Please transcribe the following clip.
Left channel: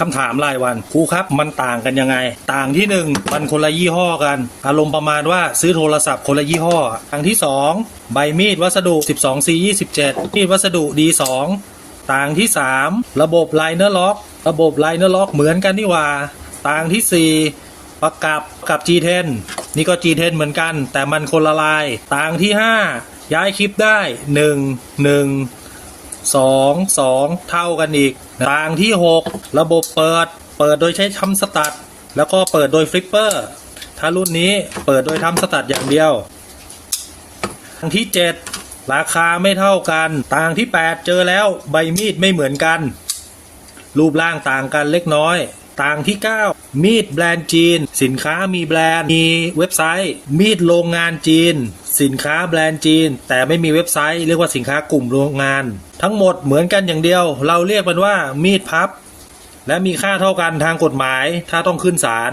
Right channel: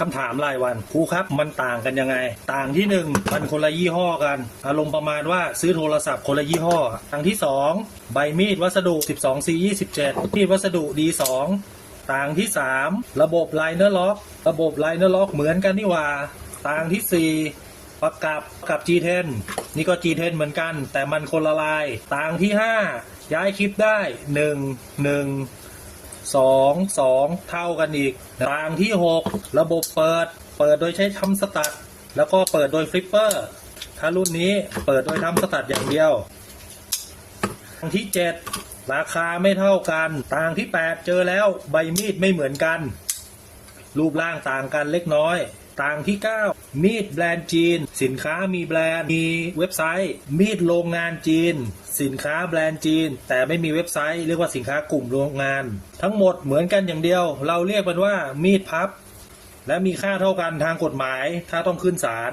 คำถามรายวันครูครับมันต่างกันยังไง ต่างที่หนึ่งมันคนละยี่ห้อกัน อารมณ์ประมาณว่าซื้อโทรศัพท์คนละยี่ห้อต่างที่สองใบมีดวัสดุ 12C 27 มีดวัสดุ D2 ต่างที่ 3 ระบบไลเนอร์ล็อก ระบบไลเนอร์ล็อกเหมือนกันนี่ว่า ต่างทีสี่4 ประกับกับ G10 นี่ก็ G10 เหมือนกัน แต่มันคนละลาย ต่างที่ 5 ย้ายคลิปได้ 1 1 2 2เท่ากันอีก ต่างที่ 6 ระบบเปิด เปิดโดยใช้ทำสตัด แล้วก็เปิดโดยฟลิปเปอร์ ถ้ารุ่นนี้เปิดโดยทำสตัดอย่างเดียวต่างที่ 7 ราคาไม่เท่ากัน ต่างที่ 8 เจอแล้วใบมีดไม่เหมือนกัน รูปร่างต่างกันเล็กน้อย ต่างที่ 9 มีดแบรนด์จีน สินค้ามีแบรนด์มีเว็บไซต์ มีดโรงงานจีน สินค้าแบรนด์จีน แต่ไม่มีเว็บไซต์ เรียกว่าสินค้ากลุ่มโรงงาน ทั้งหมดเหมือนกันอย่างเดียว เราเรียกมันว่ามีดพับ และมีค่าเท่ากันทางกฎหมาย ถ้าต้องขึ้นศาล